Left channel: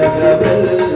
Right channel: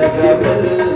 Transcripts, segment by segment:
Jagabal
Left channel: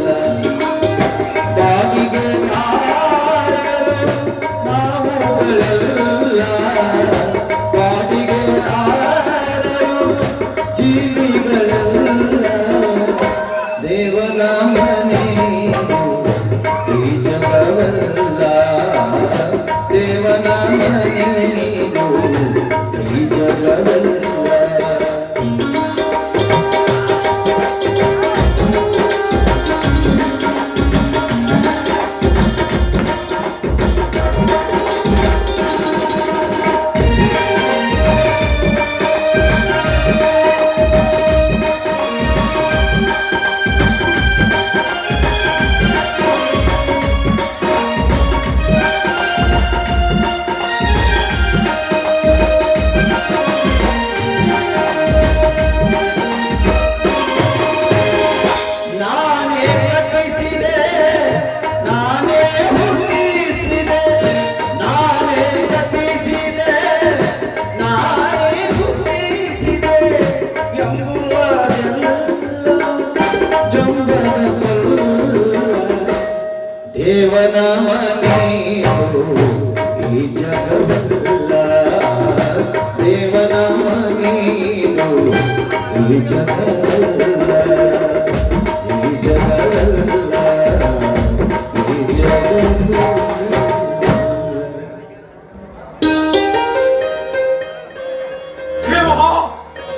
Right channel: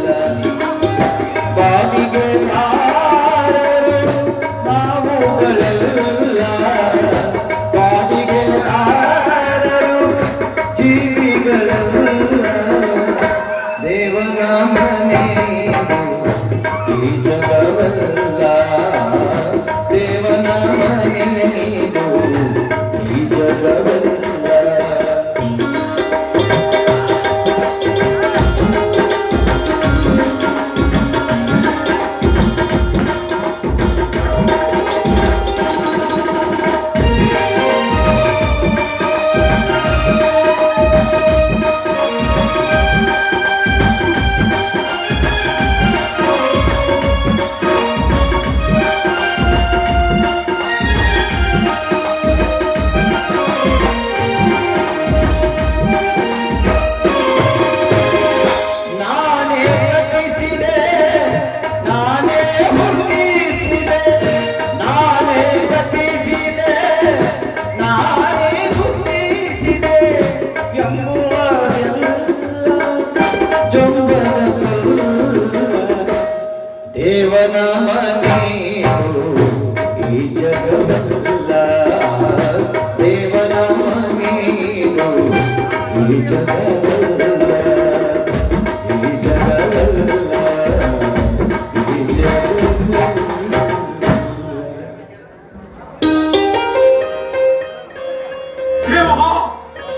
దేవనామనేను ఈ జగములా దేవనామనేను ఈ జగములా ఈ జగములా ఈ జగములా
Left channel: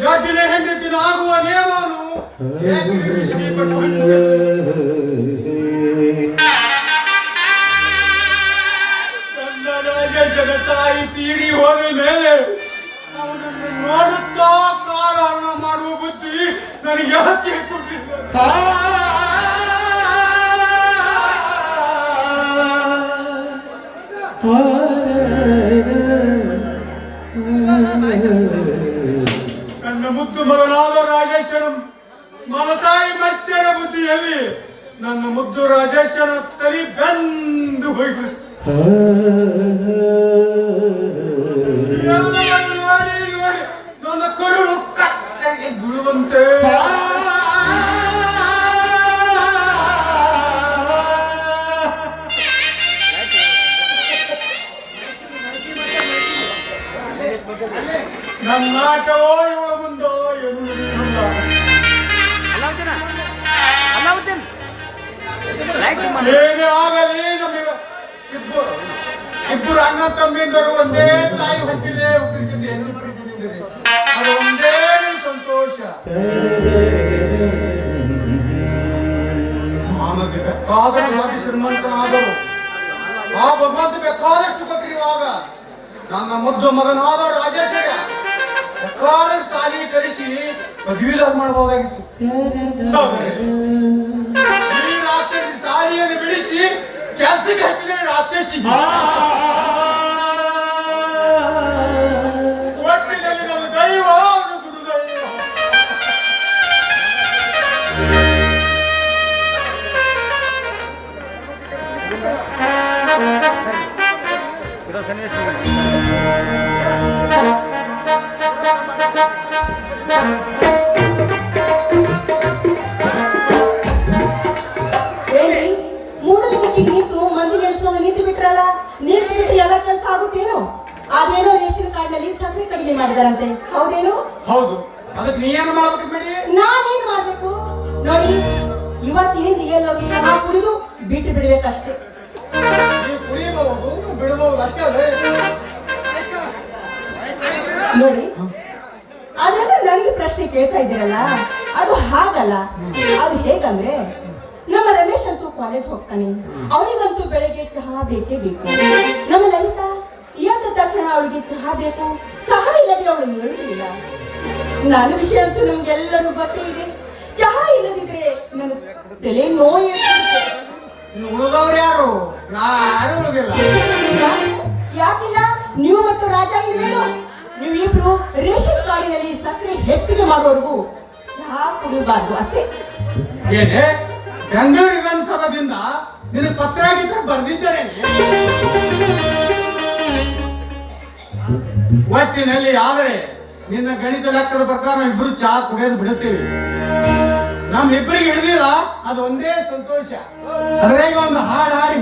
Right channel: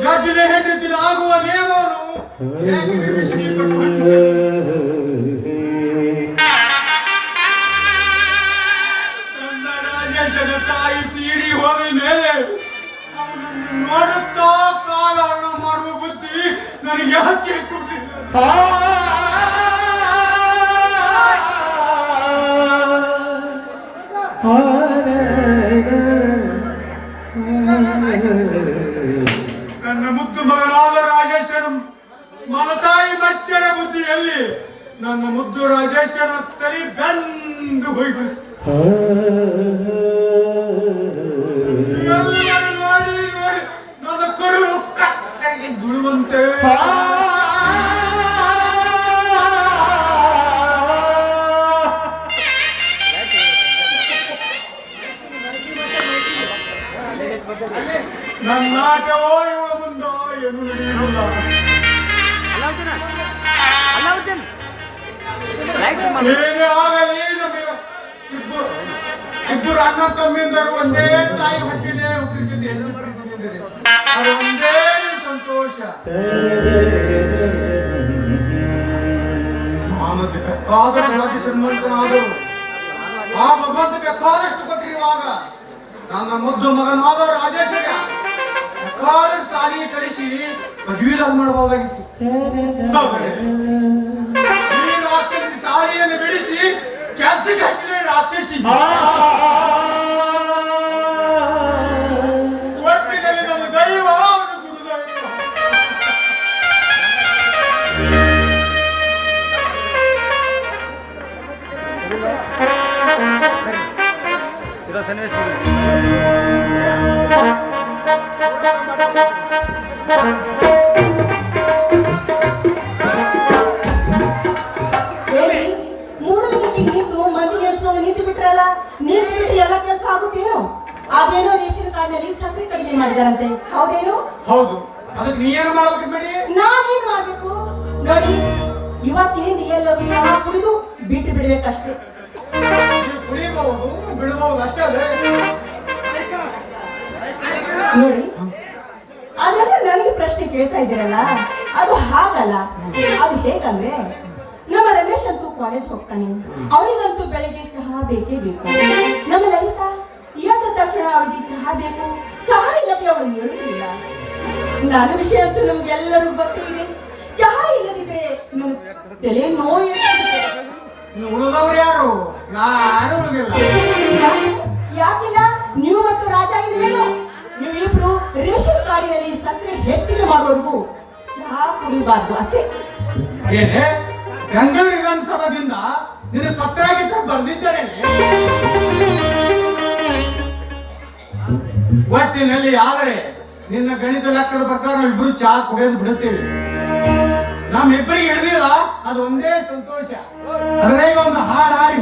యా దినే హింద్ దిన ఆగువ నేవాను ఏ కృష్ణ పట్టుకుంటే ನನ್ನ ಮುದ್ದು ಮಗನಾದ ರಾಜೇಶನ ಮಮತಾಯಿ ಮಚ್ಚರ ಬುದ್ಧಿಯಲ್ಲಿ ನನ್ನ ಮುದ್ದು ರಾಜೇಶನ ತಲೆ ಬೆಂದು ಹೋಯ್ತು. ಆಟವೋ ಇವಳ ಮುಂದೋ ಏನು ನಡೆಯುವುದಿಲ್ಲ ಅಲಾವುದ್ದೀನ ಅಲಾವುದ್ದೀನ್ ಲೈಕ್ ಮಾಡಿ. ಏನೇ ಆಗಲಿ ನಮಗೆ. ಇಬ್ಬರು ಇಬ್ಬರು ಅಣ್ಣ ತಮ್ಮಿಂದರು ಒಂದೇ ತಾಯಿ ಹುಟ್ಟಿದೆ ಹುಟ್ಟಿದ್ದೆ. ಒಂದೇ ಸಂತೋಷ. ಬೇಕಾದ ಒಳಗೆ ಶ್ರೀಮಂತನಾದವು ಆ ಭಗವಂತ ಬೇಕಾದಷ್ಟು ಪದವೀಧರ ಮಾಡಬಹುದಾಗಿತ್ತು ಆದರೆ ಈ ರಾಕ್ಷಸಿ ಸಾರಿಯನ್ನು ಬಿಡಿಸಿ ಕ್ಯಾನ್ಸಿಗೆ ಹಚ್ಚಿದ ರಾಕ್ಷಸಿ ಒಟ್ಟಿನಲ್ಲಿ ನಮ್ಮ ದೈವ ಅವನು ದುರ್ದೈವ ಇರೋ ಸನ್ನಿವೇಶ ಮುಗಿತು. ಏನ್ರಿ ಹೌದು. ಅದಕ್ಕೆ ನೀ ಏನು ಮಾಡ್ಬೇಕು ಬಿಡಿ? ನಾನೇನ್ ಮಾಡ್ಬೇಕು? ನೋಡಿ ಇವತ್ತಿನಿಂದ ಎಲ್ಲರೂ ಸಹ ಕುಡಿದು ಬಿಟ್ಟು ಬಿಡ್ಬೇಕಷ್ಟೇ. ನೀವು ಕುಡಿಬಹುದು ಬಿಡಬಹುದು ಅಷ್ಟೇ ಅದೇ. ನೋಡಿ ಅದನ್ನ ನನಗೆ ಪ್ರಶ್ನೆ ಕೇಳ್ತಾ ಇದ್ದೀರಲ್ಲ ಅದು ಹಾಗಲ್ಲ. ಅದು ಹೇಗಂದ್ರೆ ನಮ್ಮ ರಮೇಶ್ ಅಂತೂ ಕಾಲೇಜ್ ಹೋಗ್ತಾನೆ. ಅವನಿಗಂತೂ ಬೆಳಗ್ಗೆ ಚಹಾ ಬೇಕೇ ಬೇಕು. ನಮ್ಮ ಲಲಿತಾ ಎದ್ದ ತಕ್ಷಣ ಅವಳಿಗೆ ಚಹಾ ಬೇಕು? ಚಹಾ ಇಲ್ಲದೆ ಅವಳು ಹೇಳುವುದಿಲ್ಲ ನನ್ನ ವಿಷಯ ಅಂತೂ ನಮ್ಗೆಲ್ಲರೂ ಗೊತ್ತಿದೆ ಚಹಾ ಇಲ್ಲದಿದ್ರೆ ನಮ್ಮ ತಲೆ ನೋವು. ಉಳಿದವ್ರು ಯಾರು? ಯಾರು ಉಳಿದಿಲ್ಲ ಯಾಕಿಲ್ಲ? ನೀವು ಮತ್ತು ರಾಜ ಇಲ್ವೇನು? ಇಬ್ರು ರೇಷನ್ ಕಾರ್ಡಿನಲ್ಲಿ ಸಕ್ಕರೆ ಹೆಚ್ಚಿಗೆ ಮಾಡೋರ್ಗು ಚಹಾ ಕುಡಿಬಾರ್ದು ಅಷ್ಟೇ? ಬೆಂಗಳೂರು ವಿಧಾನಸಭಾದಿಂದ ನಿನ್ನ ಪತ್ರ ಬರ್ದಿದ್ದಾರೆ ಒಟ್ಟಿನಲ್ಲಿ ಆದರೆ ನಿನ್ನ ಗಣಿತ ಲೆಕ್ಕದ ಪ್ರಕಾರ ನಾವಿಬ್ರು ಚಾ ಕುಡಿಯೋದು ಬಿಡುತ್ತೇವೆ. ನಮ್ ಇಬ್ಬರಿಗೆ ಹಿಡಿದಿಲ್ಲ ಅದು ಒಂದೇ ಸಂತೋಷ. ಅದ್ರಾಗ ಒಂದು ಹಾಡು ಹಾಡಿ